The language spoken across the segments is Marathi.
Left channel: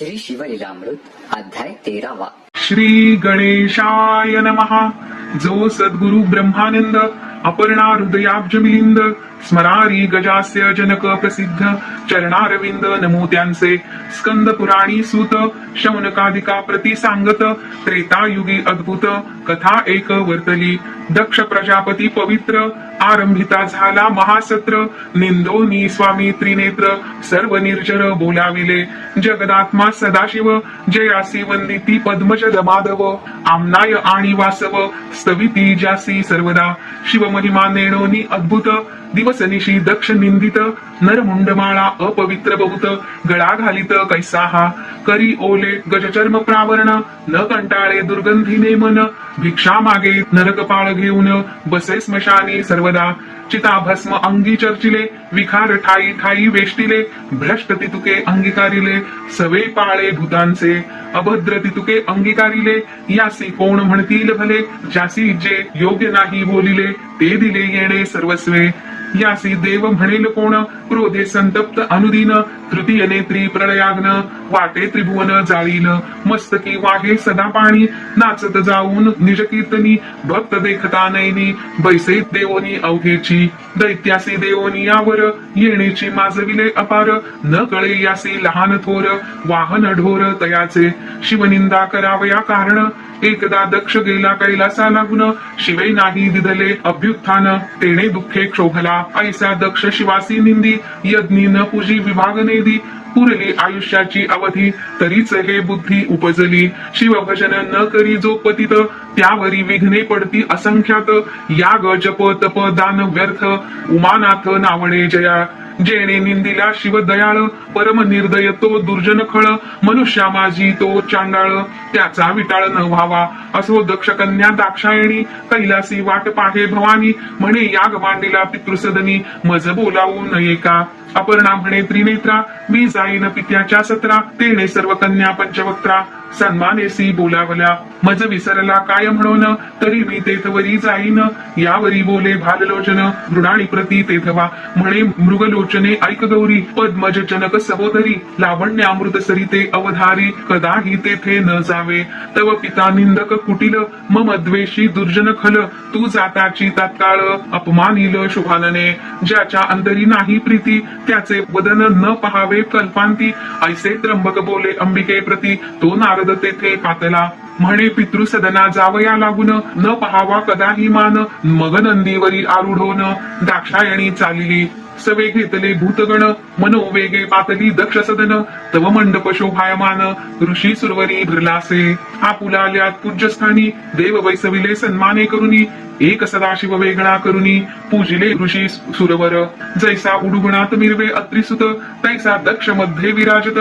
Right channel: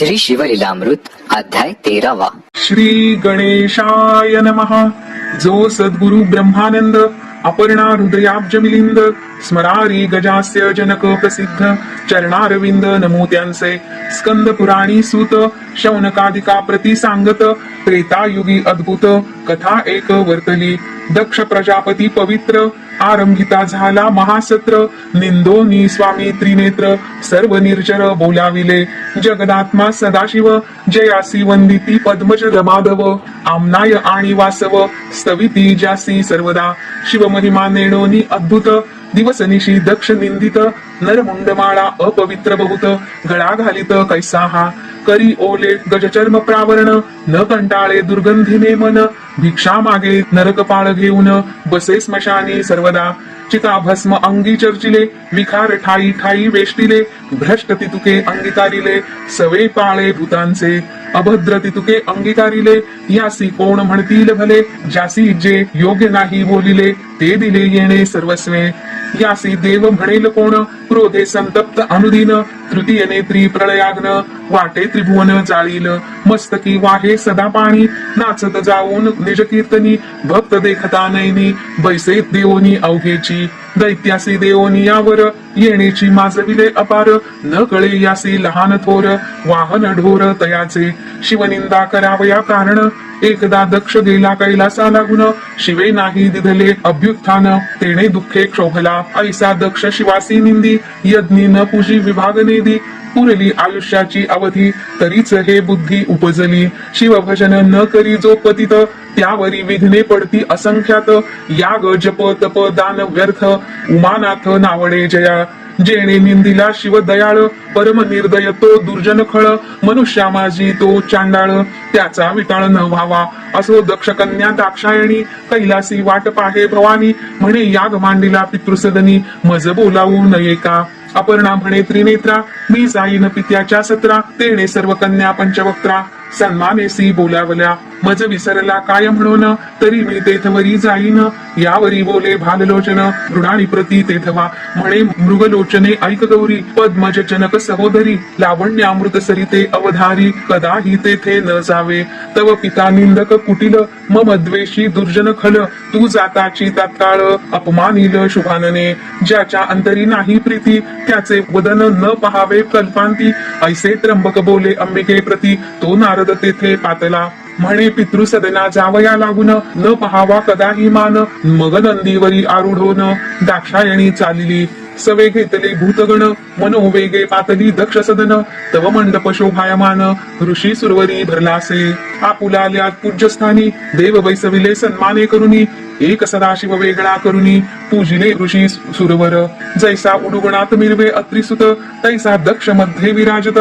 श्री शिवलीलामृत अध्याय तेरावा. श्री गणेशाय नमः. जो सद्गुरु ब्रह्मानंद अपर्णा हृदयाब्ज मिलिंद स्मरारी गजास्य जनक प्रसिद्ध चरणारविंद नमो त्यांचे स्कंद पुराणी सूत शौनकादिका प्रति सांगत त्रेतायुगी अद्भुत कथा एक वर्तली दक्ष प्रजापती पवित्र आरंभिता झाला महासत्र निंदोनी स्वामी त्रिनेत्र सर्व निर्जर बोलाविले जगदात्मा सदाशिव जयासी वंदिती पद्मज माधव आमनाय आणि वासव स्तविती जासी सर्वदा. शिवमहिमा नेणोनी अद्भुत. दिवसनिशी दक्ष निंदित नरमुंडमाळा अपवित्र बहुत गळा घालित कैसा हा करी ओले गजचर्म प्रावरण न कंटाळे दुर्गंधीने मन. भिक्षा मागे नरकपाळ घेऊन बसे स्मशानी सर्वदा. चिता भस्म अंगी चर्चिले विखार ठाई ठाई वेष्टिले भ्रष्ट तितुके अंगीकारिले सवे पाळे भूतांचे. अभद्र तितुके अंगीकारिले यासी कोण म्हणतील भले? ज्यासी जे योग्य नाही बोलिले ते दिले येणे सर्वस्वे. यासी देव म्हणेल कोण? क्रोधे संतप्त अनुदिन तृतीय नेत्री प्रलयाग्न वाटे त्रिभुवन जाळील. मस्तकी वाहे सदा पाणी नाचत जाऊन निज कीर्तनी भक्त देखता नैनी बैसे देवोनी अवघेची. दैत्यासी देवोनी यावर येण्याची माजविले अपार. न कळे यासी लहान थोर वाहन ढोर तयाचे. शिवनिंदा करावया कारण एकदा दक्ष गेला कैलासा लागून शिवे नाही दिधले अभ्युत्थान. तेने दुःखे क्षोभला ऐसा दक्ष शिवासी निंदी यज्ञी न पूजी विभाग निधी पुरली आयुष्याची अवधी तरीच हे बुद्धी उपजली. शिवभजन न करी जो पतित त्यावरी विघ्ने पडती असंख्यात. याग जप तप दान व्यर्थ उमानाथ नावणे जया. जेणे निंदिला शिव दयाळ परम निर्दय तो दुर्जन खळ मनुष्या माझी तो चांडाळ त्याचा विटाळ न व्हावा. असो दक्ष कन्या दाक्षायणी कैलासी वाट पाहे भवानी म्हणे याग मांडिला पितृसदनी मज बोलावू नये का? अपर्णा म्हणे त्रिनेत्रा मी जाईन पित्याच्या सत्रा तेणे सर्व कन्या पंचवक्त्रा. सन्मानेसी बोलावल्या. मज विसरला काय म्हणून तरी मी तेथवरी जाईन. यावरी बोले भाललोचन मृणाणी प्रती तेथवा. म्हणे मृगलोचने ऐक गौरी पद्मज चनक सहोदरी. लावण्य अमृत सरिते अवधारी कदाही तेथे न जावे. तव पिता निंदक कुटिल मम द्वेषी दुर्जन खल. तू जाताची तात्काळ अपमानिल शुभानने. ज्याच्या अंतरी नाही प्रीती त्याचे वदन न पहावे कल्पांती. ऐसे त्र्यंबक बोले अंबिके प्रती तो नारद तेथे पातला. म्हणे पितृसदना जावया लागून न पहावा कदाही मान. मगनंदीवरी आरुढोन दाक्षायणी चालिली. सवे घेतले भूतगण मनोवेगे पातली दक्ष सदन तव मंडप शोभायमान ऋषी सुरवरी भरलासे. आपुलाल्यात पूज्यस्थानी देव वैसविले सन्माने करुनी. एक सदाशिव वेगळा करुणी पूजिले ऋषी सुरवर. जैसा उडुगणात मिरवे अत्रिसुत तैसा दक्षमध्ये विराजत.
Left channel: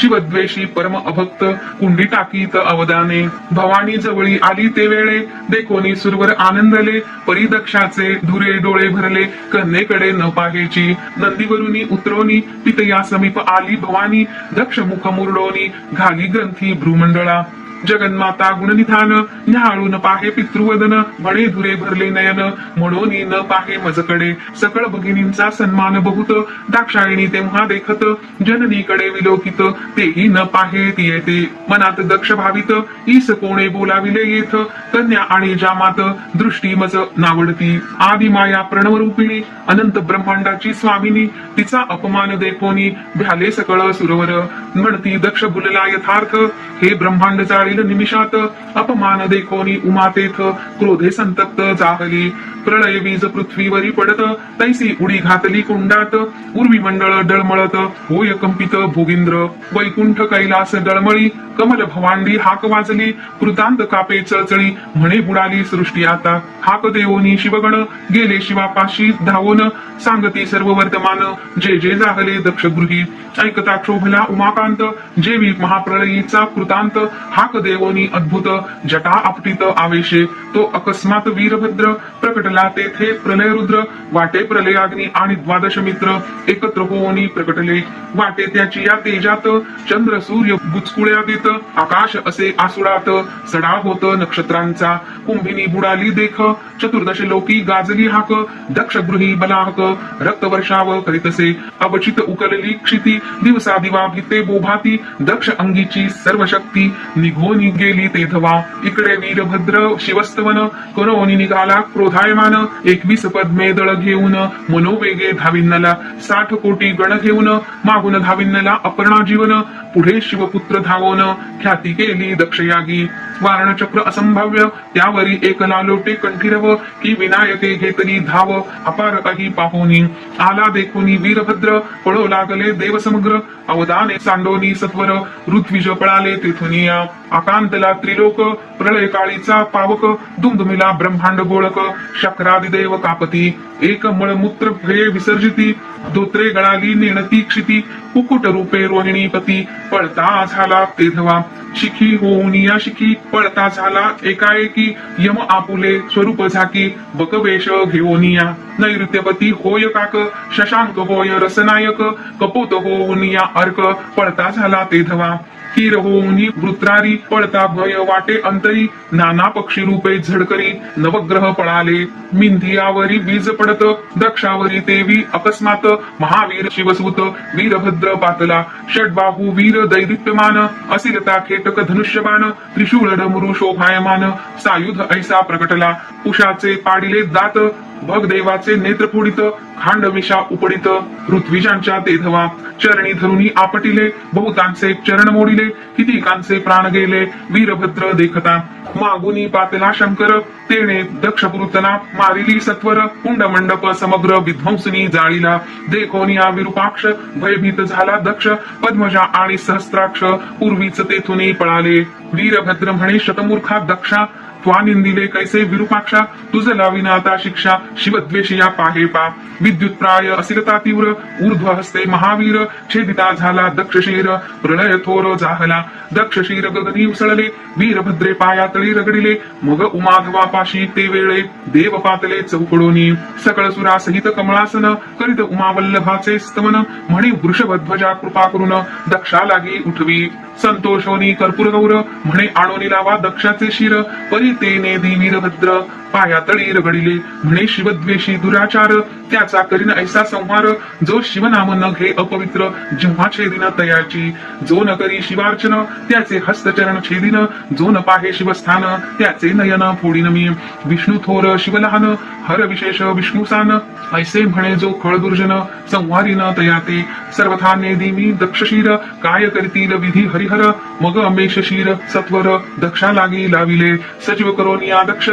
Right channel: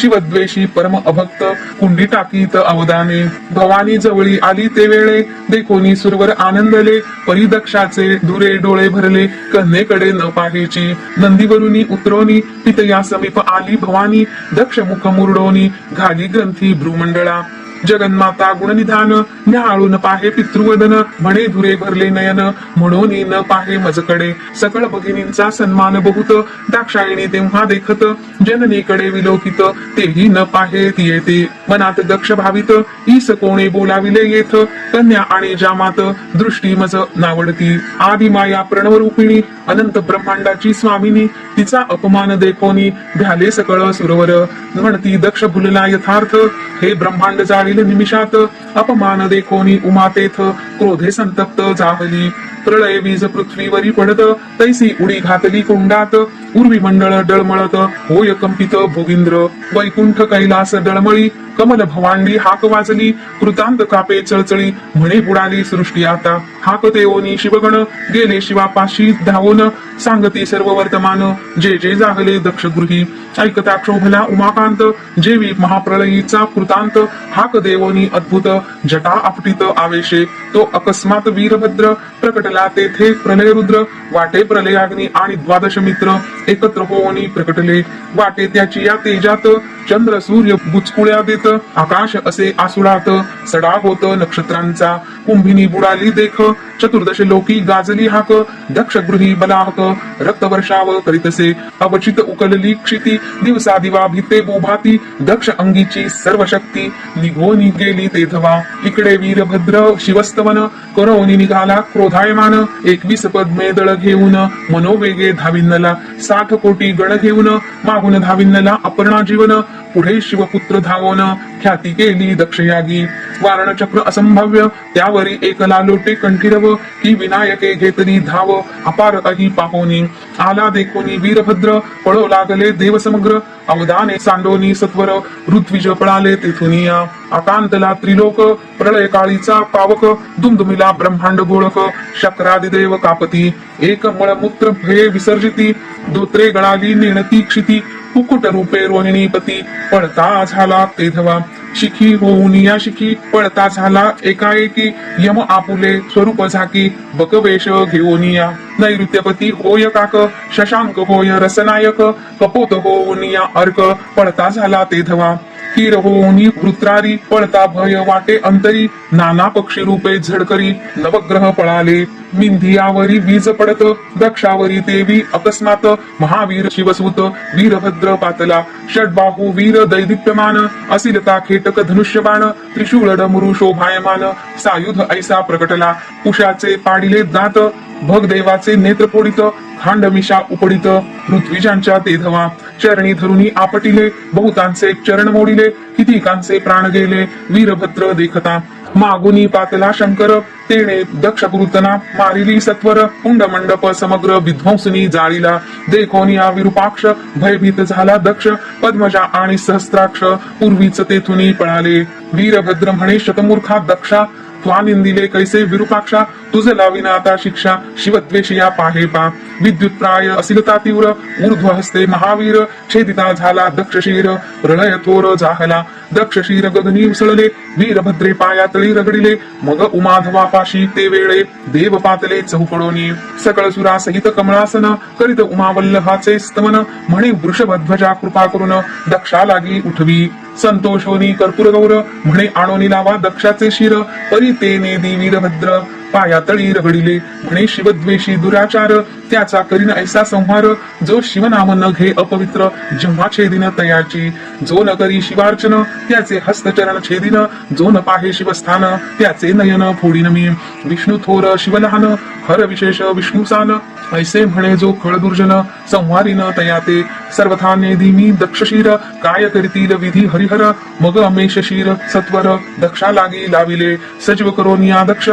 शिवद्वेषी परम अभक्त कुंडी टाकीत अवदाने. भवानी जवळी आली ते वेळे देखोनी सुरवर आनंदले. परिदक्षाचे दुरे डोळे भरले कन्येकडे न पाहेची नंदीवरुनी उतरवणी पितया समीप आली भवानी. दक्ष मुख मुरडोनी घाली ग्रंथी भ्रूमंडळा. जगन्माता गुणनिधान न्याळून पाहे पितृवदन म्हणे धुरे भरले नयन म्हणून न पाहे मजकडे. सकळ भगिनींचा सन्मान बहुत दाक्षायणी तेव्हा देखत जननीकडे विलोकित तेही न पाहे येते मनात दक्ष भावित ईस कोणे बोलाविले येथ कन्या आणि जामात दृष्टी मज नावडती. आदी माया प्रणव रूपिणी अनंत ब्रह्मांडाची स्वामिनी तिचा अपमान देखोनी झाले सकळ सुरवर. म्हणती दक्ष भुलला यथार्थ हे ब्रह्मांड पाहिलं निमिषात अपमान देखोनी उमातेथ क्रोधे संतप्त जाहली प्रळय बीज पृथ्वीवरी पडत तैसी उडी घातली कोंडात। उर्वी मंडळ डळमळत होय कंपित भोगिंद्र वैकुंठ कैलास डळमळी कमल भवांडी हाक वाजली कृतांत कापे चळचळी म्हणे बुडाली सृष्टी आता. हाक देवोनी शिवगण गेले शिवापाशी धावून. सांगती सर्व वर्तमान जे जे जागले दक्षगृही. ऐकता क्षोभल्या उमाकांत जेवी महाप्रलयीचा कृतांत. हाक देवोनी अद्भुत जटा आपटीत आवेशे. तो अकस्मात वीरभद्र प्रकटला तेथे प्रलय रुद्र. वाटे प्रलयाग्नी आणि द्वादश मित्र एकत्र होऊनी प्रकटले. वाटे त्याची या तेजात चंद्र सूर्य बुचकुळ्या देत आकाश असे आसुडात सडा होत नक्षत्रांचा कुंभिनी बुडाली देख चतुर्दश लोकी गाजली हाक दक्ष गृही बलाहक रक्त वर्षाव करीतसे अवचित उकलली क्षिती दिवसा दिवा भीते गोभाती दक्ष अंगीची सर्व शक्ती निघोनी गेली तेथवा इकडे वीरभद्र शिवस्तवन करोनी निघाला क्रोधायमान एकवीस पद्मे दळ घेऊन मनोवेगे धाविन्नला साठ कोटी गण घेऊन मागून धाविन्नला अपर्णा जीवन पुढे शिवपुत्र धावोन ख्याती केली दक्षयागी. वारणचक्र असंभाव्य त्यावरी एक लालोटे कंठीरव की विनायके घेतली धाव अपार काही पाहुनी आला देखोनी वीरभद्र पळो लागले देव समग्र अवदाने सांडोनी सत्वर ऋत्विज पळाले तेथून या. आकांतला त्रिलोक प्रलय काळीचा पावक दुमदुमिला ब्रह्मांड गोळक शक्रादिदेव कापती. एक मळमूत्र भये विसर्जिती दोत्रे गळाली नेणती क्षिती कुकुट रूपे रोहिणीपती. पळता झाला तेधवा. शिखी होऊन या शिखी पळता झाला. एकाएकी यम आपुले स्वरूप झाकी. बकवेश घेऊन या नैऋत्यपती होय काक. शशांक होय रसनायक. कपोत होऊन या अर्क. पळता झाला तेधवा. स्थिर होऊनी वृत्रारी पळता भय वाटे अंतरी. नाना पक्षी रूपे झडकरी नवग्रह पळाले. मिंधियावरी वीज पडत दक्षावरी देवी अकस्मात. महावीर शिवसूत वीरभद्र पातला. षडबाहू वीर दैदिप्यमान असिलता खेटक धनुष्यबाण त्रिशूळ डमरू शोभायमान. सायुध ऐसा प्रकटला. उषाचे पाडिले दात भगदेवाचे नेत्र फोडित खांडमिशा उपडित पृथ्वीजांच्या तेधवा चरणी धरुणी आपटिले बहुतांचे चरण मोडिले कितीकांचे प्राण गेले वीरभद्र देखता. मागुनी पातला शंकर तेणे दक्ष पुरुतना मारिली सत्वर कुंड मंडप समग्र विध्वंसनी जाळीला. देखोनी हा विरूपाक्ष भयभीत झाला दक्ष पद्मजा आणि सहस्त्राक्ष पूर्वीच तेथुनी पळाले. वीरभद्र म्हणे शतमूर्खा दक्षा त्वानिंदिले कैसे विरूपाक्षा? तुझे लाविन आता शिक्षा. शिवद्वेषिया पाहे पा. विद्युत प्राय असिलता तीव्र ऊर्ध्व हस्ते महावीर छेदिता झाला दक्षशीर प्रलय थोर झाला दक्षशीर गगनी उसळले वीरभद्रे पायातळी रगडिले। मग उमाधवा पाशी ते वेळे देव पातले चौकडोनी। सकळ सुरा सहित कमळासन करीत उमावल्लभाचे स्तवन। म्हणे वृषभध्वजा कृपा करून दक्षा लागी उठवी। संतोषोनी कर्पूर गौर म्हणे आणोनी लावा दक्षाचे शिर। परी ते नेदी वीरभद्र। पायातळी रगडिले. म्हणे शिवद्वेषी दुराचार त्याचा करीन ऐसा संहार. जो शिवनाम न घे अपवित्र जेव्हा छेदिन तयाची. जो न करी शिवार्चन त्याचे हस्तचरण छेदिन. जो न पाहे शिवस्थान त्याचे नयन फोडिन मी. विष्णू थोर शिवलहान हर विशेष विष्णुसान ऐसे म्हणे जो खळदुर्जन संहारीन तयाते. सर्वथा नेदी मी दक्षशीर काय करतील विधी हरिहर. मग अमेश शीर सत्वर दक्षा लागी लाविले. सजीव करोनिया दक्ष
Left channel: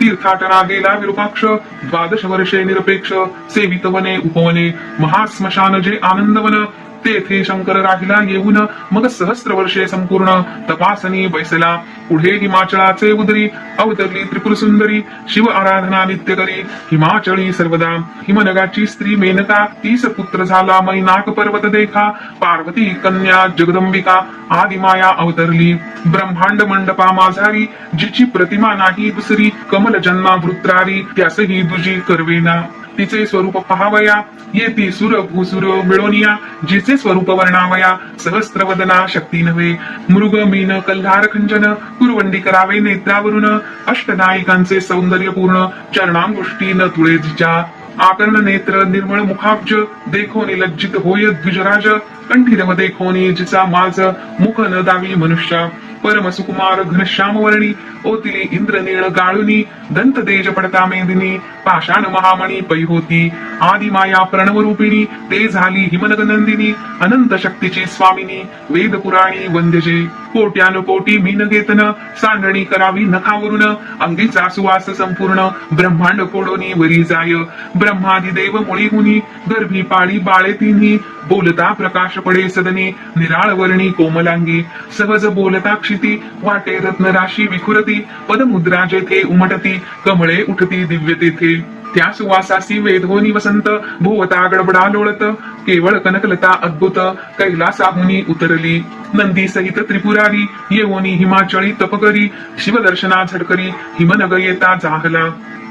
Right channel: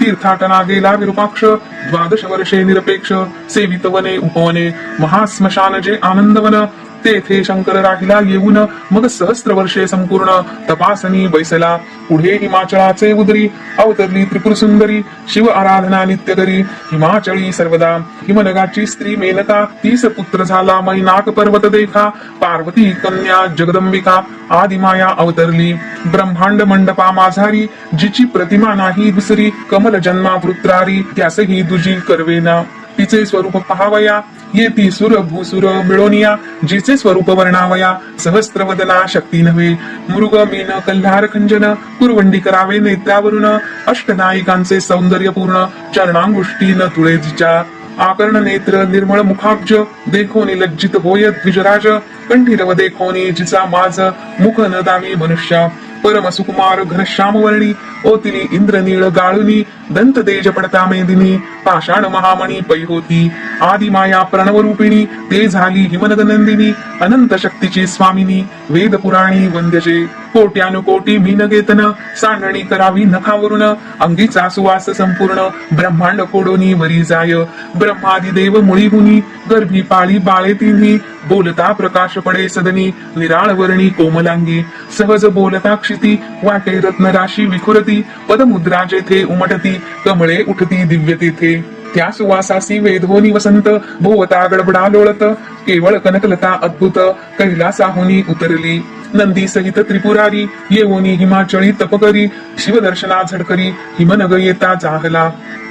तीर्थाटना गेला विरूपाक्ष द्वादश वर्षे निरपेक्ष सेवित वने उपवने महास्मशान जे आनंदवन तेथे शंकर राहिला येऊन मग सहस्त्र वर्षे संपूर्ण तपासनी बैसला. पुढे हिमाचळाचे उदरी अवतरली त्रिपुर सुंदरी शिव आराधना नित्य करी. हिमाचळी सर्वदा हिमनगाची स्त्री मेनका तीस पुत्र झाला मैनाक पर्वत देखा पार्वती कन्या जगदंबिका आदिमाया अवतरली. ब्रह्मांड मंडपा माझारी जिची प्रतिमा नाही दुसरी कमल जन्मा वृत्रारी त्यासही दुजी करवेना. तिचे स्वरूप पहावया येती सुर भूसुर मिळोनिया जेचे स्वरूप वर्णावया सहस्त्रवदना शक्ती नव्हे. मृग मीन कल्हार खंजन कुरवंडी करावे नेत्रावरून अष्टनायिकांचे सौंदर्य पूर्ण चरणांगुष्टी न तुळे जिच्या आकर्ण नेत्र निर्मळ मुखाब्ज देखोनी लज्जित होय द्विजराज कंठीरव देखोनी जिचा माज मुख न दावी मनुष्या. परम सुकुमार घनश्याम वर्णी ओतिली इंद्रनीळ गाळुनी दंत तेज पडता मेदिनी पाषाण महामणी पै होती आदी माया प्रणव रूपिणी ते झाली हिमनगनंदिनी अनंत शक्तीची स्वामिनी वेद पुराणी वंद्यजे. कोट्यान कोटी मीन घेतन सांडणी करावी नखावरून. अंगीचा सुवास संपूर्ण. ब्रह्मांड फोडोनी वरी जाय. ब्रह्मादिदेव मुळी हुनी. गर्भी पाळी बाळे तिन्ही. बोलता प्रकाश पडे सदनी. निराळ वर्णी कोमलांगी. सहज बोलता क्षिती. वाटे रत्न राशी विखुरती. पदमुद्रा जेथे उमटती. कमळे उठती दिव्य तेथे. त्या सुवासासी वेधोनी वसंत भोवता गडबडा लोळत केवळ कनकलता अद्भुत कैलासाहुनी उतरली. नंदी सहित त्रिपुरारी येऊनी हिमाचळी तपकरी शिवदर्शना झडकरी हिमनग येता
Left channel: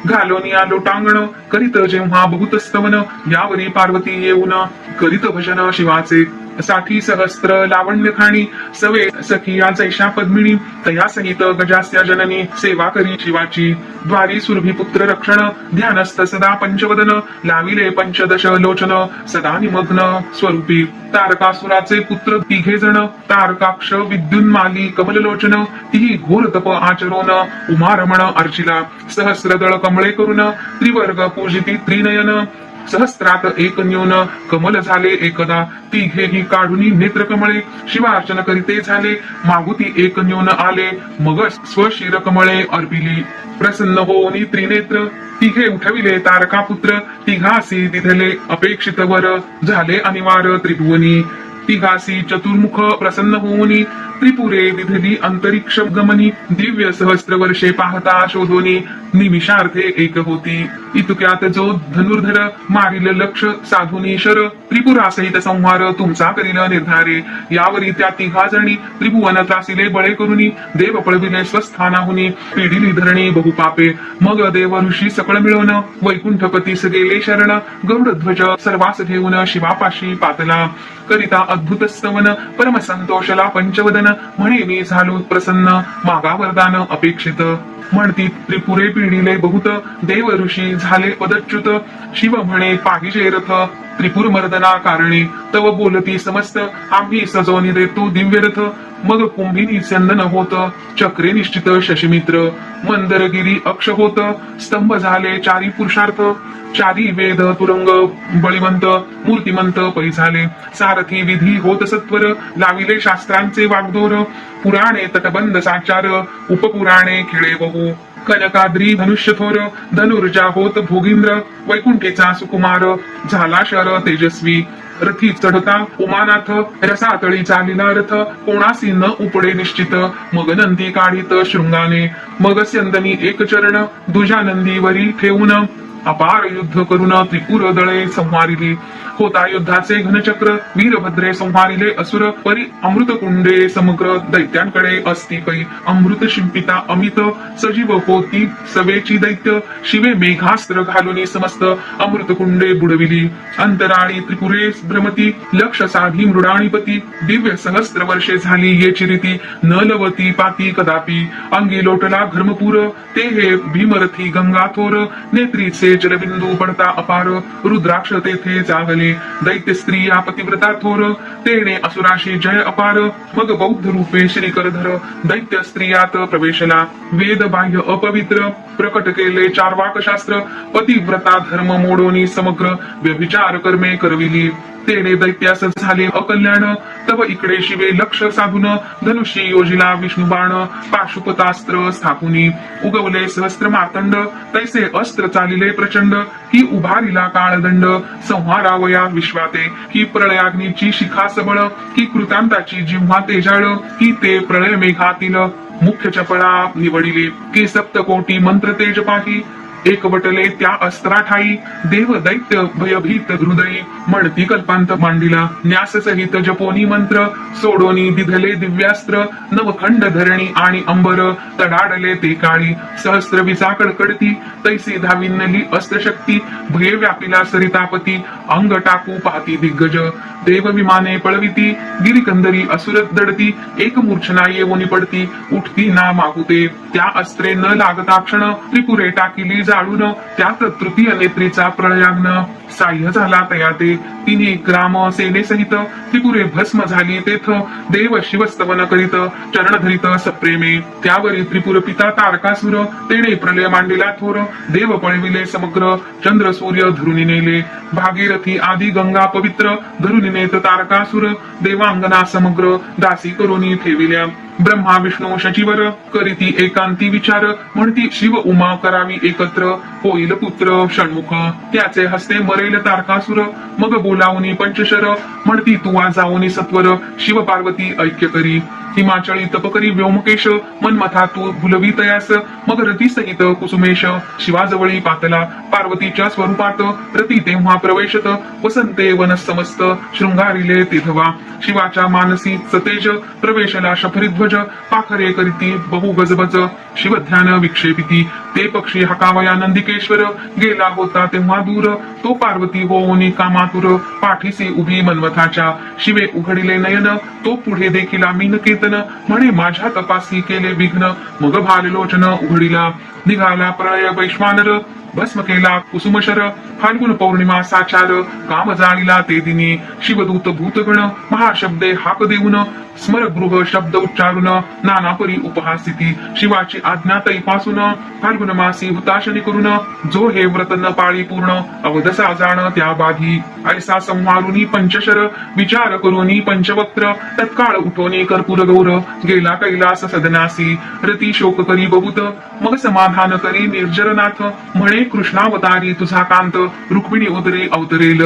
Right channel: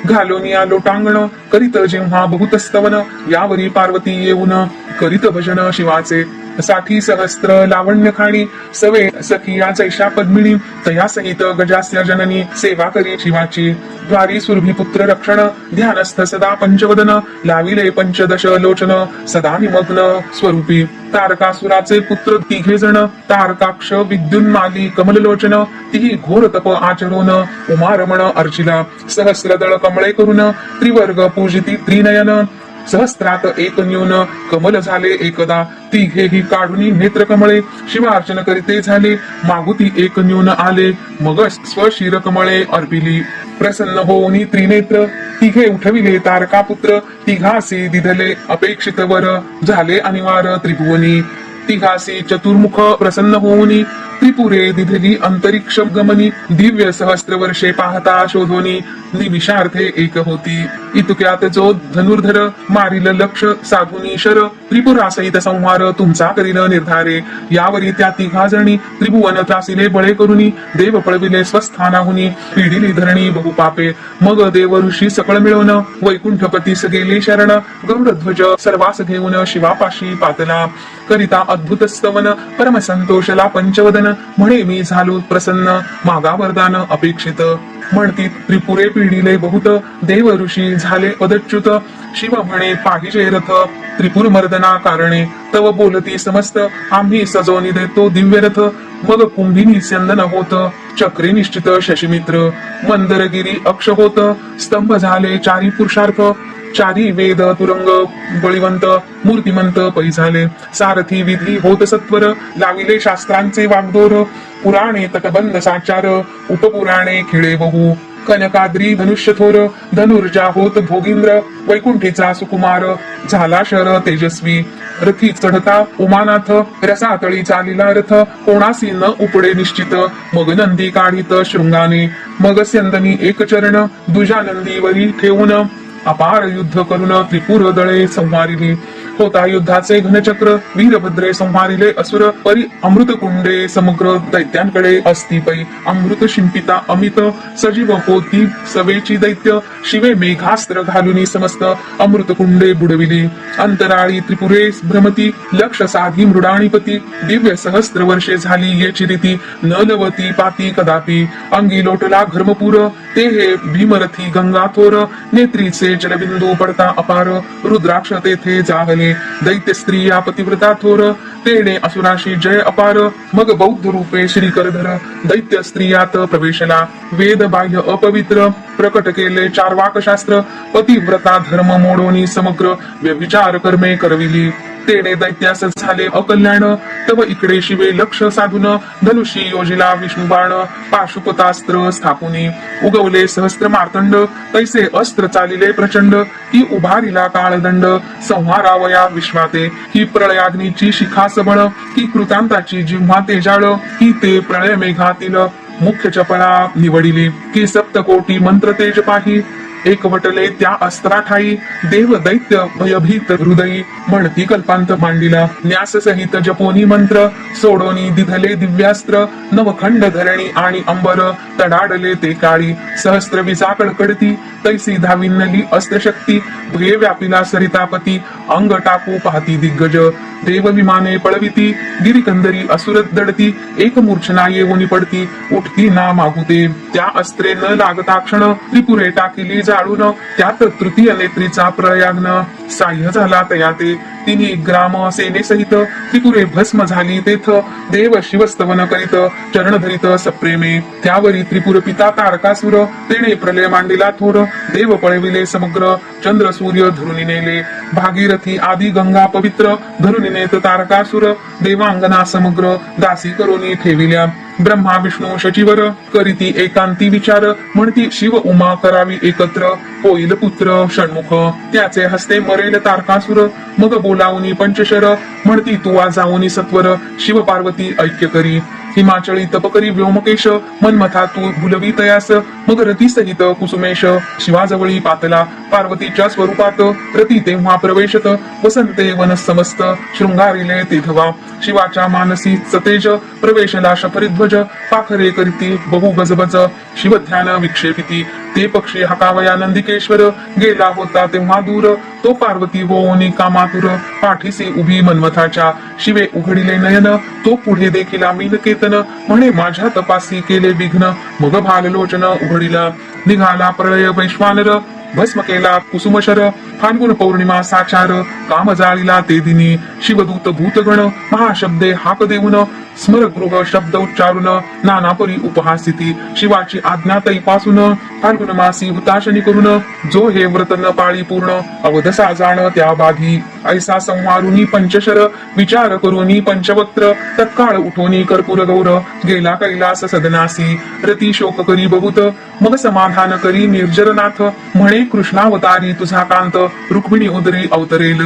घालून घालोनिया लोटांगण करीत जेव्हा बहुत स्तवन यावरी पार्वती येऊन करीत भजन शिवाचे. साठी सहस्त्र लावण्य खाणी सवे सखी या चैशा पद्मिनी तया सहित गजास्य जननी सेवा करी शिवाची. द्वारी सुरभी पुत्र रक्षण ध्यानस्थ सदा पंचवदन लाविले पंचदश लोचन सदा निमग्न स्वरूपी. तारकासुराचे पुत्र तिघे जण तारकाक्ष विद्युन्माली कमललोचन तिही घोर तप आचरोन उमारमण अर्चिला. सहस्रदळ कमळे करून त्रिवर्ग पूजिती त्रिनयन सहस्रात एक न्यून कमल झाले एकदा तिघेही काढून नेत्र कमळे शिवार्चन करीते झाले मागुती एक न्यून आले मग स्वशिर कमळे अर्पिली प्रसन्न होऊन त्रिनेत्र तिघे उठविले तारका पुत्र तिघासी दिधले अपेक्षित वर झाले अनिवार त्रिभुवनी तिघासी चतुर्मुख प्रसन्न होऊनी त्रिपुरे दिधनी अंतरिक्ष गमनी दिव्य सहस्त्र वर्षे पाहता शोधोनी. निमिषार्थे एक होती. इतक्यात जो धनुर्धर मारिल लक्ष साधुनी शर. त्रिपुरा सहित संहार तुमचा करील निर्धारे. यावरी त्या तिघा जणी त्रिभुवन त्रासिले बळे करुनी. देव पळविले स्वस्थानाहुनी. पिढिली धरणी बहुपापे मग देव ऋषी सकळ मिळवून वैकुंठपतीस गेले शरण. गरुडध्वज सर्वास घेऊन शिवापाशी पातला करिता अद्भुत स्तवन. परम संतोषला पंचवदन. म्हणे मी झालो प्रसन्न मागा वरदान अपेक्षित. म्हणती त्रिपुरे पिढीले बहुत देव ऋषी झाले पदच्युत. शिव म्हणे पाहिजे रथ त्रिपुर मर्दना कारणे. तव बोलती समस्त आम्ही सजवणी देतो दिव्य रथ. मग कुंभिनी संदन होत चक्रे निश्चित शशिमित्र. मंदरगिरी अक्ष होत स्तंभ झाले चारी पुरुषार्थ. चारी वेद तुरंग बळीवंत मूर्तिमंत पै झाले सारथी विधी होत सत्वर लाविले शास्त्रांचे वागदोर. पुराणे तटबंध साचार उपपुराणे खिळे बहु. कनकाद्री धनुष्य थोर धनुर्जा होत भोगिंद्र. वैकुंठीचा सुकुमार झाला शर तेजस्वी. रथी चढता उमानाथ रसातळी चालिला रथ. कोणासी न उपडे निश्चित. मग नंदी काढित शृंगाने. मग स्यंदनी एक चरण दुजा नंदीवरी ठेवून. अपार युद्ध करून त्रिपुर दळे संहारिली होता युद्धाचे घनचक्र. वीरभद्रे संहारिले असुर परी अमृत कुंडे समग्र दैत्यांकडे असती पै. अमृत शिंपिता अमित सजीव होती सवेची दैत्य. शिवे मेघास्त्र घालून समस्त अमृत कुंडे बुडविली. अंतराळी त्रिपुरे भ्रमती लक्ष साधी मृडाणीपती दिव्य सहस्त्र वर्षे झाली येची रीती. नलवती पाती कदापि. अंगी लोटला घर्मपूर. ते हे भीमरथी गंगाथोर. नेत्रीचे जलबिंदू पडता अपार. रुद्राक्ष तेथे जागले. दैत्य स्त्रिया पतिव्रता थोर तेणे असुराशी जय अपार मग बौद्ध रूपे श्री करधर दैत्य स्त्रियात प्रवेशला. वेद बाह्य अपवित्र प्रकट केले चार वाकशास्त्र पतिव्रता धर्म मोडोनी समग्र व्यभिचार कर्मे करविली. तेडे दैत्यास झाले अकल्याण. तव इकडे शिवे लक्ष साधून. धनुषी योजिला विष्णुबाण पाशुपतास्त्र स्थापुनी. उगवले सहस्त्र मार्तंड. तैसे अस्त्र चालिले प्रचंड. ही उभारिला काळदंड. संहारावया विश्वाते. ही प्रळयाग्नीची शिखा सबळ ही कृतांताची जिव्हा तेजाळ. ही ते प्रळय मेघातील मुख्य चपळा निवडिली. की सप्तकोटी मंत्र तेज पाही. एकवटले त्या अस्त्राठाई देव दैत्य भयभीत हृदयी म्हणती कल्पांत मांडिला. न्यास सहित जपोनी मंत्र सोडोनी दिधले दिव्यास्त्र नवखंड धरणी आणि अंबर तडाडले ते काळी. सहस्त्र विजा कडकडती तैसी धाविनली अस्त्रशक्ती भय व्यापिला सरितापती अंग टाकू पाहती दिग्गज. देव विमाने पळविती गिरिकंदरी असुरत दडती एक मूर्छना येऊन पडती उठती ना मागुते. त्या अस्त्रे न लागता क्षण त्रिपुरे टाकिली जाळून त्यात तृतीय नेत्रेचा प्रळयाग्न साह्य झाला तया ते तिन्ही ग्राम सेनेसहित त्रिपुरे भस्म झाली तेथ. देव शिवस्तवन करीत चरण धरित सप्रेमे. त्यावरी त्रिपुर पिता तारकासुर तेने प्रलय मांडिला थोर. देव पळविले समग्र चंद्र सूर्य धरुनी नेले. भागीरथी आदी गंगा पवित्र धरुनी नेत तारकासुर देवांगना समग्र दासी करोनी ठेविल्या. ब्रह्मा विष्णू शचीवर करीती एकांती विचार. म्हणती शिव उमा करावी एकत्र. होईल पुत्र षण्मुख. त्याचे हस्ते मरेल तारकासुर. मग बोलावनी पंचशर. म्हणती तुवा जाऊनी सत्वर. शिव पार्वती ऐक्य करी. हिमाचळी तपकरी व्योमकेश मनमथा तू भुलवी तयास मग रती सहित कुसुमेश शिवाजवळी पातला पार्वतीच्या स्वरूपात रती तेव्हा प्रवेशत वसंते वन समस्त शृंगारिले तेथवा शिवाच्या मानसी सतेज प्रवेशला शफरीध्वज पाखरे करीती बहु गजबज शिवध्यान विक्षेपिती ते पक्षी हकावया नंदिकेश्वर गेला होता तेव्हा दूर. तो पार्वती होऊन कामातुर पाठीसे उभी मन्मथाच्या शिवे उघडिले नयन तो पुढे देखील मीन कीर्तन. म्हणे माझ्या तपासी केले विघ्न. मग भाललोचन उघडिला. निघाला प्रलय वैश्वानर. भस्म केला कुसुमशर. फाल्गुन पौर्णिमा साचार. काम जाणीला ते दिनी. शिवदूत भूतगण महाशब्दे हाक देऊन. स्मरगृह शब्द उच्चारून नानापरी उपहासिती. शिवाची आज्ञा तैपासून फाल्गुन मासी हुताशनी करून जो हे व्रत न पाळी पूर्ण अवधसा जाण त्या बाधी ऐसा संवारुनी पंचशर विचार करुनी पंचवक्त्र तत्काळ उठोनी कर्पूर गौर गेला कैलास सदनासी. रती शोक करी बहुत मग समाधान करी निर्जरनाथ म्हणे कृष्णावतारी तुझा कांत रुक्मिणी उदरी अवतरेल.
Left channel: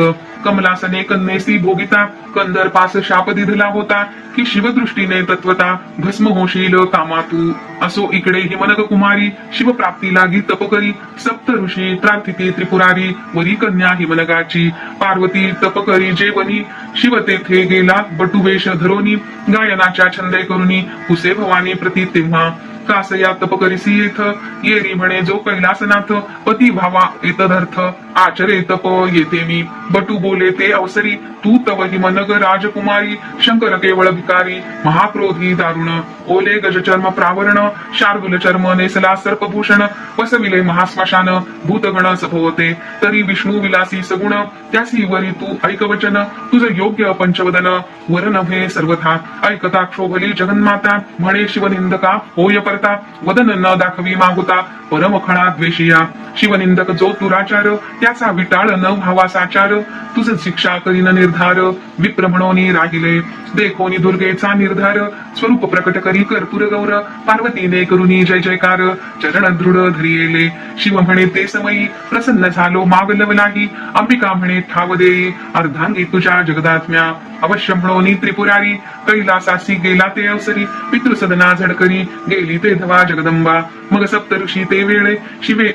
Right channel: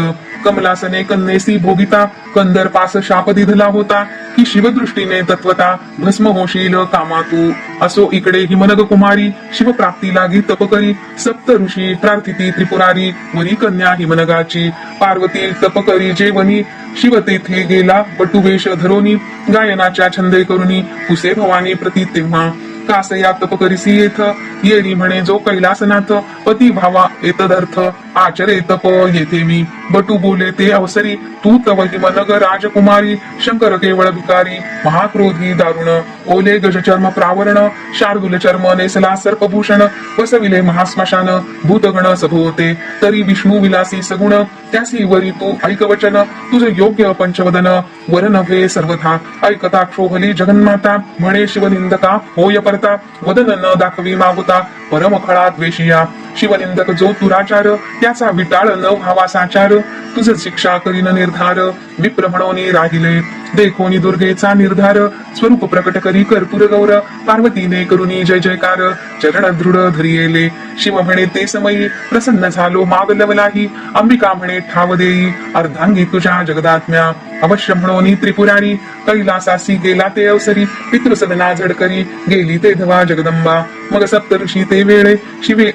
कमलासने कन्नेसी भोगिता कंदर पास शाप दिधला होता की शिवदृष्टीने तत्वता भस्म होशील कामातू. असो इकडे हिमनग कुमारी शिवप्राप्ती लागी तप करी. सप्त ऋषी प्रार्थिती त्रिपुरारी वरी कन्या हिमनगाची. पार्वती तप करी जेवणी. शिव तेथे गेला बटुवेश धरोनी. गायनाच्या छंदे करुनी. कुसे भवानी प्रती तेव्हा. कासया तप करिसी येथ येरी म्हणे जो कैलासनाथ पती भावा येतदर्थ आचरे तप येथे मी. बटू बोले ते अवसरी तू तव हिमनग राजकुमारी शंकर केवळ भिकारी महाक्रोधी दारुण. ओले गजचर्म प्रावरण शार्दुल चर्म नेसला सर्पभूषण. वसविले महास्मशान भूतगण सभोवते. तरी विष्णू विलासी सगुण त्यासी वरी तू ऐक वचन. तुझ योग्य पंचवदन वर नव्हे सर्वथा. ऐकता क्षोभली जगन्माता म्हणे शिवनिंदका होय पर करता वदन न दाखवी मागुता परमखळा द्वेषिया. शिवनिंदक जो दुराचार त्याचा विटाळ न व्हावा साचार. तुझ शिक्षा करीन निर्धार विप्रमणोनी राहिले. देखोनी दुर्गेचा निर्धार स्वरूप प्रकट करी कर्पूर गौर. पार्वतीने करुनी जय जयकार चरण दृढ धरियेले. शिव म्हणे ते समयी प्रसन्न झालो माग लवलाही अंबिका म्हणे ठाव देई. अर्धांगी तुझ्या जगदात्म्या. अवश्य म्हणोनी त्रिपुरारी. कैलासासी केला ते अवसरी. पितृसदना झडकरी. गेली ते धवा जगदंबा. मग सप्तऋषी ते वेळे. शिवे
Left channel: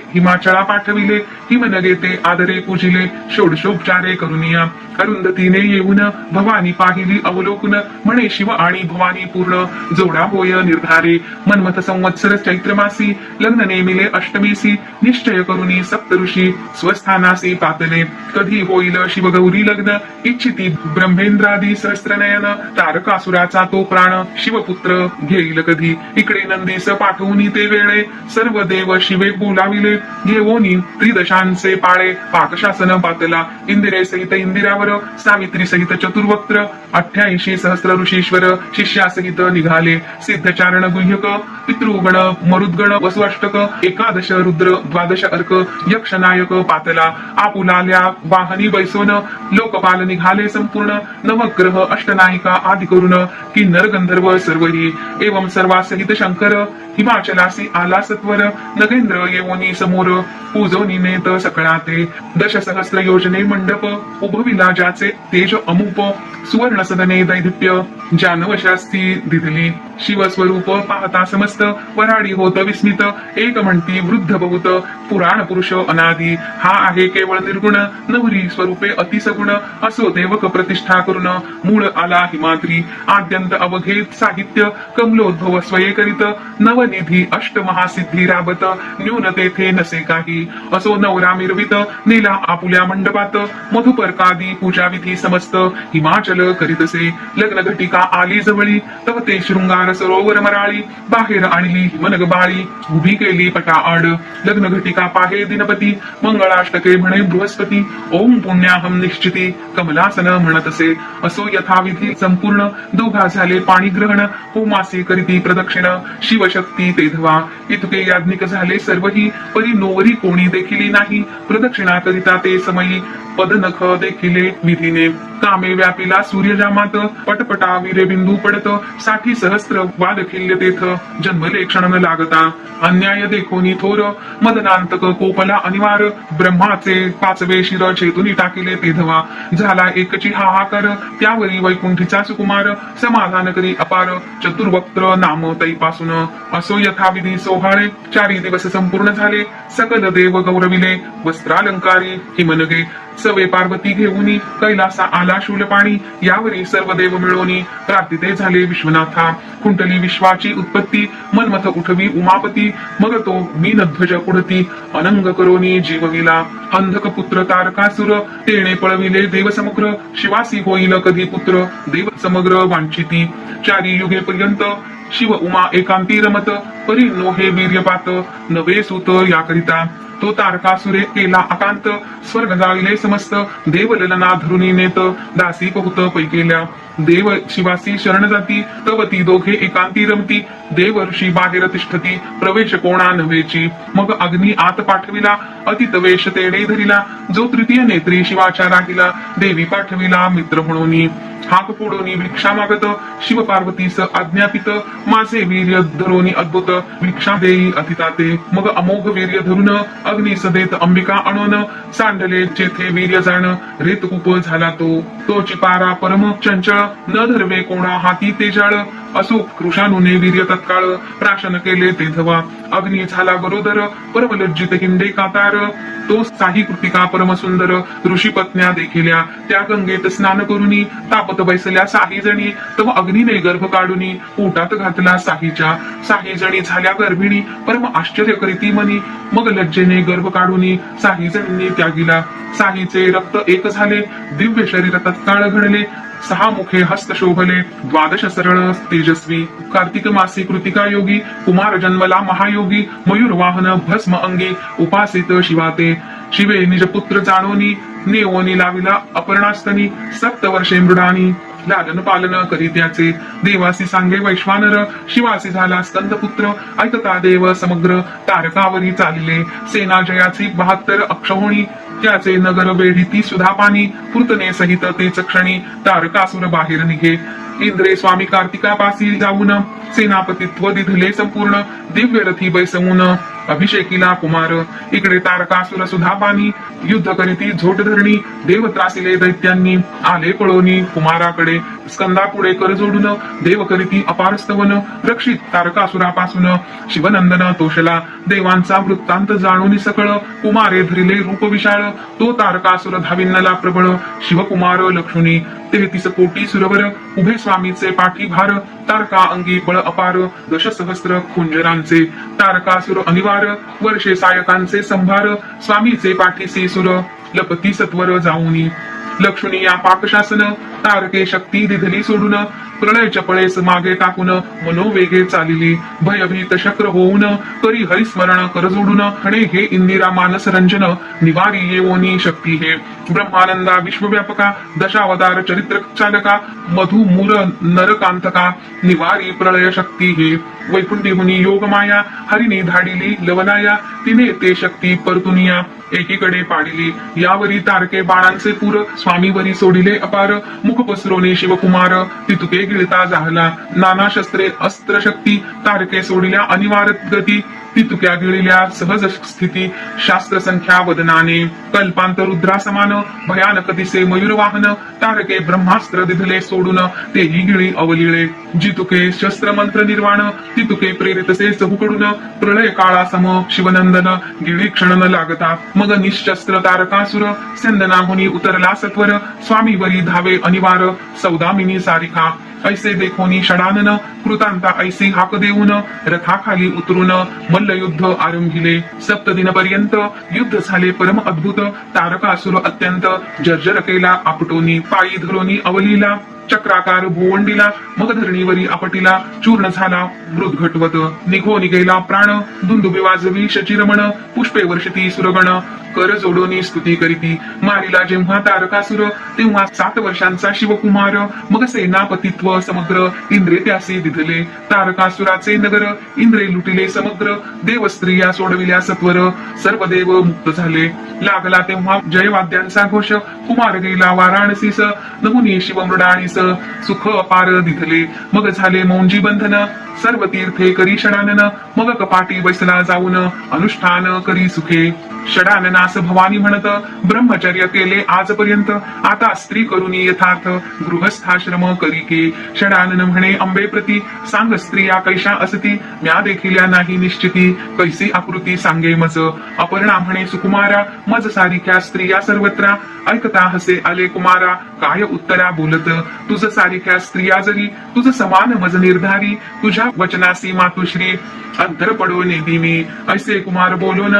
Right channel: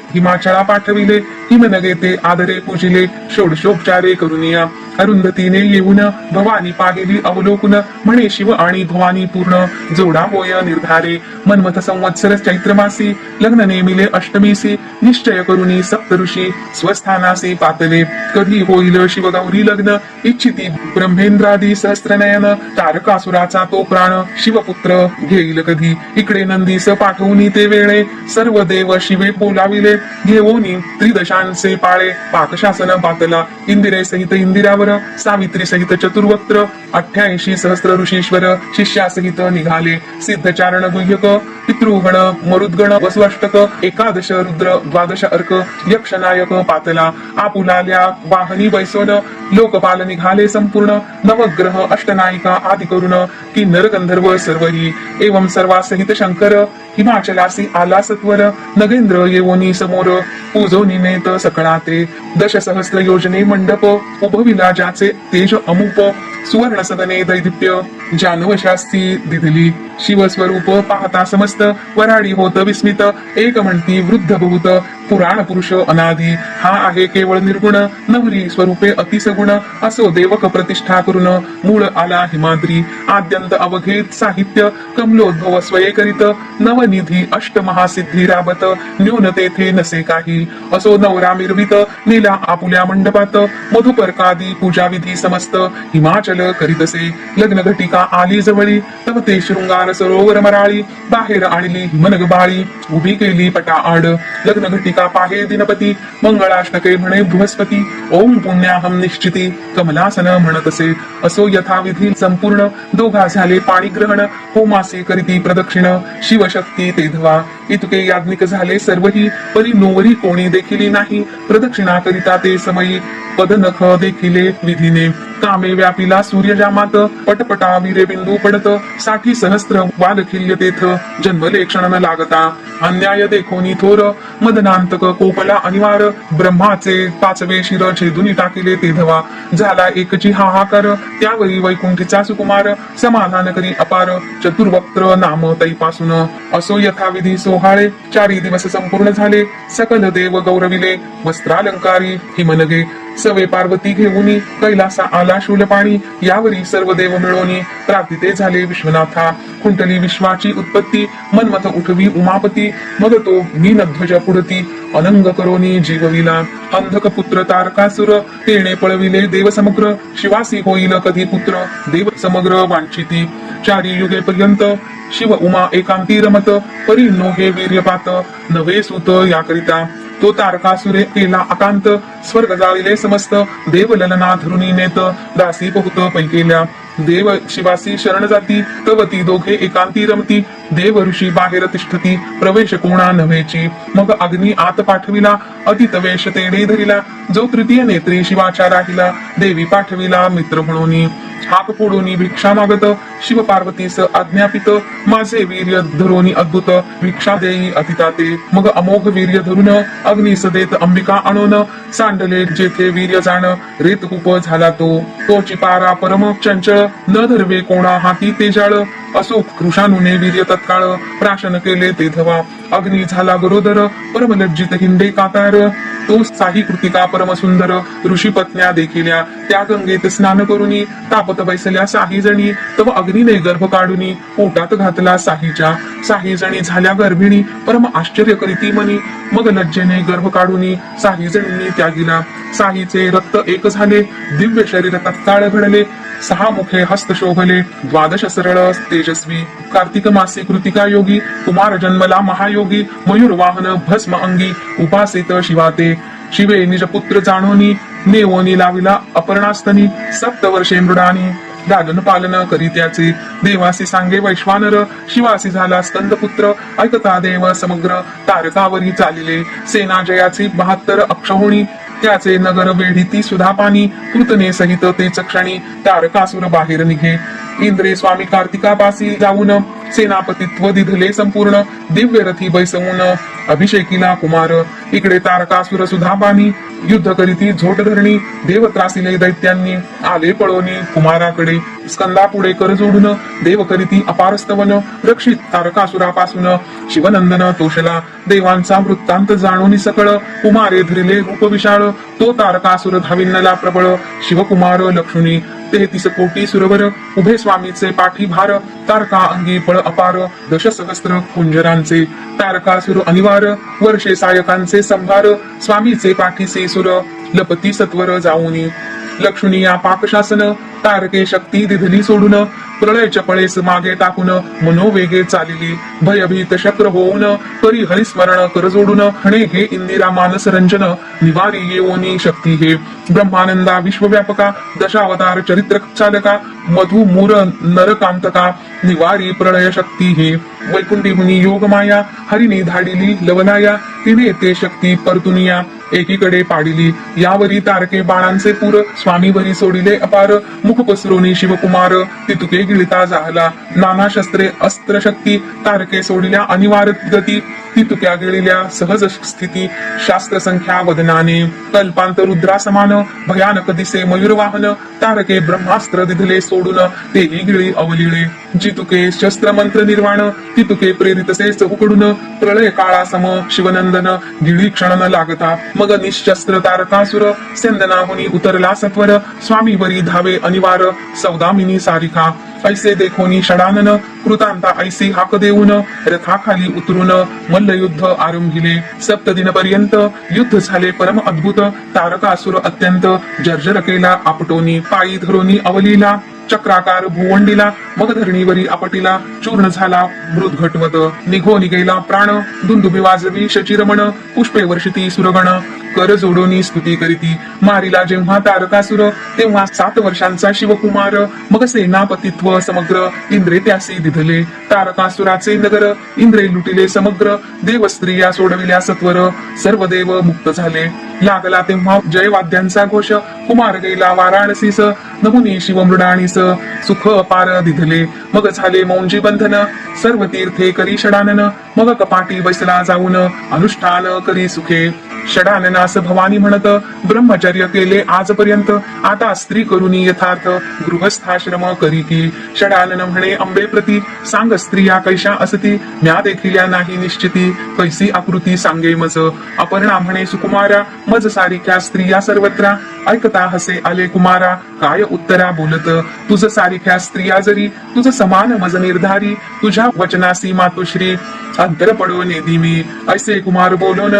पाठविले पाठविले. मन ते आदरे पूजिले. षोडशोपचारे करुनिया. अरुंधतीने येऊन भवानी पाहिली अवलोकन. म्हणे शिव आणि भवानी पूर्ण. जोडा होय निर्धारे. मनमथ संवत्सर चैत्रमासी. लग्न नेमिले अष्टमेसी. निश्चय करुनी सप्तऋषी स्वस्थानासी पातले. कधी होईल शिवगौरी लग्न? इच्छिती ब्रह्मेंद्रादी सहस्त्रनयन. तारकासुराचा तो प्राण शिवपुत्र घेईल कधी? इकडे नंदीस पाठवून ते वेळे. सर्व देव शिवे बोलाविले. घेवोनी त्रिदशांचे पाळे. पाकशासन पातला इंदिरे सहित इंदिरा इंदिरावर सावित्री सहित चतुर्वक्त्र अठ्ठ्याऐंशी सहस्र ऋषीश्वर शिष्यासहित निघाले. सिद्धचारण गुह्यक पितृगण मरुद्गण वसुअष्टक एकादश रुद्र द्वादश अर्क यक्षनायक पातला. आपुलाल्या वाहनी बैसोन लोकपाल निघाले संपूर्ण. नवग्रह अष्टनायिका आदि करून किन्नर गंधर्व सर्वरी. एवं सर्वासहित शंकर हिमाचलासी आला सत्वर नगेंद्र येवोनी समोर पूजोनी नेत सकळाते दश सहस्र योजने मंडप उभविला ज्याचे तेज अमुप सुवर्ण सदने दैदिप्य जानवशास्ती दिधली. शिवस्वरूप पाहता समस्त वराडी होत विस्मित. एक म्हणती वृद्ध बहुत पुराण पुरुष अनादी. हा आहे केवळ निर्गुण नवरी स्वरूपे अतिसगुण. असो देवक प्रतिष्ठा करून मूळ आला हिमाद्री. आद्यंत अवघेत साहित्य कमलोद्भव स्वये करीत. नवनिधी अष्टमहासिद्धी राबत. न्यून तेथे नसे काही. असो नवरा मिरवित नेला आपुल्या मंडपात. मधुपर्कादी पूजाविधी समस्त. हिमाचल चल करीत असे लग्न घटिका आली जवळी तव ते शृंगार सरोवर मराळी बाहेर आणली हिमनग बाळी उभी केली पटा आड. लग्न घटिका पाहे दिनपती मंगळाष्टके म्हणे बृहस्पती ओम पुण्याहम निश्चिती कमलासन म्हणत असे असो यथाविधी संपूर्ण दोघा झाले पाणी ग्रहण होमासे करीती प्रदक्षिण शिवशक्ती तेधवा इतके याज्ञिक झाले सर्वही परी नोवरी कोणी देखील नाही प्रदक्षिणा करिता ते समयी पदनख देखिले विधीने. कामे व्यापिला सूर्यजामात पटपटा विरे बिंदू पडत साठी सहस्त्र वाद खिल्य तेथ जन्मले क्षण न लागता. अन्याय देखोनी थोर मदनांतक कोपला अनिवार ब्रह्माचे पाचवे शिर छेदुनी टाकिले तेधवा झाला एकची हाहाकार त्यावरी वैकुंठीचा सुकुमार समाधान करी अपार चतुर्वक्त्र नाम तैपासून. असो यथाविधी सोहाळे चारी दिवस संपूर्ण झाले सकल देव गौरविले वस्त्रालंकारी हिमनगे. सवे पार्वती घेऊनी कैलासा आला आला शूलपाणी यावरी सर्व देव मिळवणी. प्रार्थिते झाले विश्वनाथा. कुंटली विश्वाची उत्पत्ती. मनमथ उठवी उमापती. मग तो मीनध्वज पुढती. अनंग करोनी जीवविला. अंधक पुत्र तारकासुर. तिने पळविले देव समग्र. शिवासी होईल कधी पुत्र. देव समग्र वांछिती. चारी युगे पर्यंत शिव उमा एकांती रमत. परी नो हे वीर्यपात. नवे सुत याकरिता. तो तारकासुरे केला आकांत स्वर्ग जाविले समस्त. देव ललना धरुणी नेत दासी बहुत पैकेल्या. देव शिवासी शरण जाती तवती दोघे एकांती रमती. देव ऋषी बाहेर तिष्ठती प्रवेश कोणा नव्हेची. मग अग्नी आत पाठविला अतित वेश तेढे धरिला. जो तृतीय नेत्री शिवाच्या राहिला देवी पाठविला मित्र म्हणून. हाक फोडून भिक्षा मागत शिव पार्वतीस आज्ञापित. माझे वीर्य धरोनी अद्भुत भिक्षा देई अतिताते. मग अमोघ वीर्य धरून अग्निस देत अंबिका आणून सांडले जेथे वीर्य जाण रेत उप झाला तो. तोची पारा परम चंचळ न धरवे कोणा हाती तेजाळ असो कृषानुने वीर्य तत्काळ प्राशन केले ते धवा अग्नी झाला गरोदर परमलज्जित हिंडे कातार. तो साही कृतिका परमसुंदर ऋषी पत्न्या देखिल्या. त्या गंगेत स्नान करुनी तापत बैसल्या साही जणी तव अग्नीने गर्भ काढुनी पोटात घातला साहीच्या साही जणी झाल्या गर्भिणी परम आश्चर्य करीती मनी. मग लज्जेने गर्भ काढुनी साही जणींनी त्यागिला. साहीचे रक्त एक झाले दिव्य शरीर तत्काळ घडले. सहा मुखे हस्त शोभले द्वादश सरळ तेजस्वी कार्तिक मासे कृतिका योगी कुमार जन्मला महायोगी मयूर वाहन भस्म अंगी उपासित शिवाते. शिवे निज पुत्र जाणोनी नेवोनी लाविला अपर्णास्तनी सप्त वर्षे मृडानी लालन पालन करी त्याचे. देवासी सांगे वैश्वानर शिवासी झाला स्कंद पुत्र ऐकता देव समग्र तारकावरी चालिले. सेना जयाची बहात्तर अक्षहुणी त्याचे नगर वेढीती सुधा पाणी कृतने सहित ते चक्षणी तारकासुर बाहेर निघे. इंद्रे स्वामी कार्तिकापासी जाऊन सेनापतित्व दिधले संपूर्ण दिव्य रथी बैसवून अभिषेकीला कुमार. इकडे तारकासुर सुधा पाणी युद्ध करीती झोट धरणी देव त्रासिले दैत्यांनी आले पळवणी कुमाराकडे. स्कंदा पुढे कर जोडून देव करीती अपारस्तवन रक्षित तारकासुरापासून शिवनंदन तोषला. देवांचा वृत्तांत जाणून सकळ कुमारे धरिले रूप विशाळ. तो तारकासुर धाविन्नला प्रबळ. शिवकुमार लक्ष्मी तेहतीस कोटी सुरवर. उभे स्वामीचे पाठी भार तारका अंगी बळ अपार. दश सहस्त्र कुंजरांचे तारकासुर अनिवार. वर्षे सायकांचे संभार. स्वामीचे पाठीसी सुर लपती सत्वर जाऊनी. लक्ष्मी या पाकशासन तारके शक्ती दिधली सोडून. प्रलय चपळेस मागे टाकून मनोवेगे चालिली. भयभीत शक्र होऊन करी हरिस्मरण कर जोडून हणे हे इंदिरा मानस रंजन निवारी येवोनी शक्ती हे. ब्रह्मानंदा विश्वव्यापका दशावतार चरित्र चालका मधु मूर नरकांतका निवारी प्रलय शक्ती हे. वैकुंठी म्हणी योग माया हरिने धाडिली लवलाया तिने ते शक्ती परतुनिया. एकीकडे पाडिली यावरी तारके बाळांचे पूर स्वामीवरी सोडिले अपार मुख पसरवणे शिवकुमार तितुके गिळता झाला नाना शस्त्रे अस्त्र शक्ती तारके सोडिल्या अनिवार्य गती तितुक्या गिळल्या सहज स्थिती शास्त्र संख्या वदनाने कल्पांत रुद्रासमान भयानक दिसे मयूर वाहन तारके ब्रह्मास्त्र दिधले सोडून तेही गिळी अवलिळे. जितुके शस्त्र मंत्र निर्वाण तितुके प्रेरितसेच उकडून प्रलय काळा सम शिवनंदन गिळी क्षण न लागता. मग निशस्त्र तारकासुर सेंदनाहुनी उतरला सत्वर स्वामीवरी धावे अनिवार सौदामिनी सारिका. ऐसे देखोनी षडानन कृतांता ऐसे हाक देऊन रथाखाली उतरून मल्लयुद्ध आरंभिले. सप्त पर्यंत युद्ध झाले परम अद्भुत. तारकासुर अत्यंत जर्जर केला आपटोनी पायी धरोनी अवलीला चक्राकार भुवंडीला मग धरणीवरी आपटीला चूर्ण झाला मृद घटवत. निघो निघेला प्राण दुंदुबी वाजवी शचिरमण पुष्पे वर्षती सुरगण. कर जोडोनी स्तुती करीती मारिला जेव्हा तारकासुर तेव्हा सात वर्षांचा शिवकुमार. मग सेनापतित्व समग्र इंद्रे त्यासे दिधले. तारकासुराचे नगर इंद्रे लुटिले समग्र. देव स्त्रिया सोडविल्या सत्वर सर्व देव मुक्त झाले. लागला तेव्हा जयवाद्यांचा घोष. कुमार गेला वाराणसीस. नमुनी शिवमृडाणीस. सुख अपार दिधले. मग झाले मौंजी बंधन. सर्व तीर्थे करी षडानन. मग कपाटी बैसला जाऊन अनुष्ठान करी सुखे. षडाननास भवानी म्हणत ब्रह्मचर्य केले आजपर्यंत. आता स्त्री करुणी यथार्थ गृहस्थाश्रम करी की. षडालन म्हणे अंबे प्रती सांग स्त्रिया कैशा असती. म्या देखिल्या नाही निश्चिती. कैसी आकृती सांगे मज. अपर्णा म्हणे सुकुमारा मज सारिख्या स्त्रिया सर्वत्र. ऐकता हसे आले कुमारा. काय उत्तरा बोलत? तुझ सारिख्या स्त्रिया जरी. तुझ समान मज निर्धारी. तुझ्या वचनासी मातुश्री. अंतर पडो नेदी मी ऐसे कुमार बोलोन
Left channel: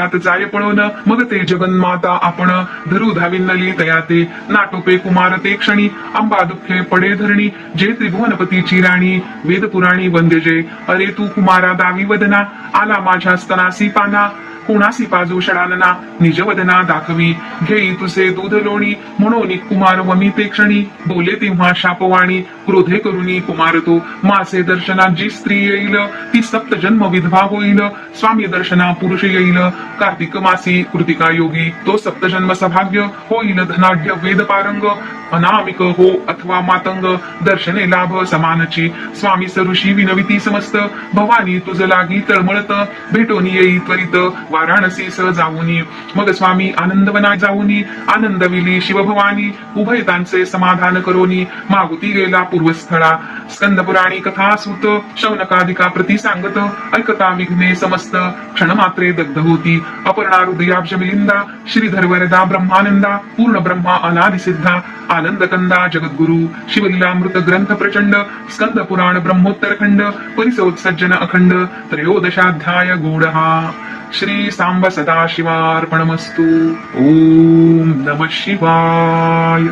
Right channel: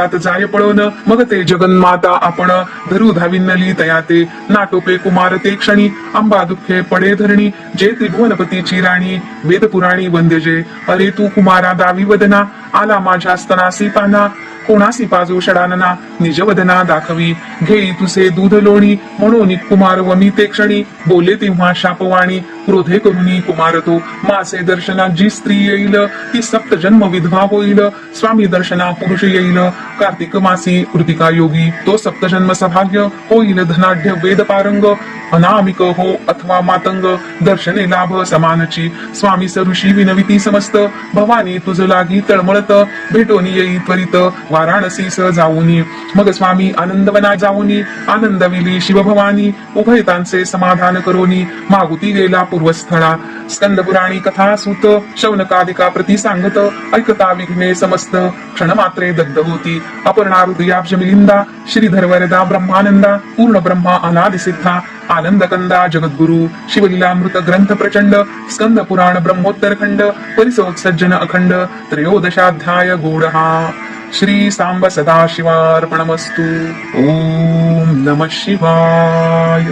महाकपाटात जाय पळोन मग ते जगन्माता आपण. धरू धाविन्नली तयाते नाटोपे कुमार ते क्षणी. अंबा दुःखे पडे धरणी जे त्रिभुवनपतीची राणी. वेद पुराणी वंद्य जे. अरे तू कुमारा दावी वदना आला माझ्या स्तनासी पाना. कोणासी पाजू षडानना निजवदना दाखवी. घेई तुसे दूध लोणी म्हणून कुमार वमी ते क्षणी. बोले तेव्हा शापवाणी क्रोधे करुणी कुमार तो मासे दर्शना जी स्त्री येईल. ती सप्त जन्म विधवा होईल. स्वामी दर्शना पुरुष येईल. कार्तिक मासी कृतिका योगी तो सप्तजन्म सभाग्य होईल. धनाढ्य वेद पारंग अनामिक हो अथवा मातंग. दर्शने लाभ समानची. स्वामी सरुषी विनविती समस्त. भवानी तुझ लागी तळमळत. भेटून येई त्वरित. वाराणसी स जाऊनी मग स्वामी आनंदवना जाऊनी. आनंद मिली शिवभवानी. उभयतांचे समाधान करोनी. मागुती गेला पूर्वस्थळा स्कंद पुराणी कथा सुत शौनकादिका प्रती सांगत ऐकता विघ्ने समस्त। क्षणमात्रे दग्ध होती। अपर्णा हृदयाब्ज मिलिंदा। श्रीधर वरदा ब्रह्मानंदा। पूर्ण ब्रह्मा अनादि सिद्धा आनंद कंदा जगद्गुरु। शिवलीलामृत ग्रंथ प्रचंड। स्कंद पुराण ब्रह्मोत्तर खंड। परिसोत्सर्जन अखंड। त्रयोदशाध्याय गूढहा। श्री सांब सदाशिवार्पणमस्तु। ओम नम शिवाय।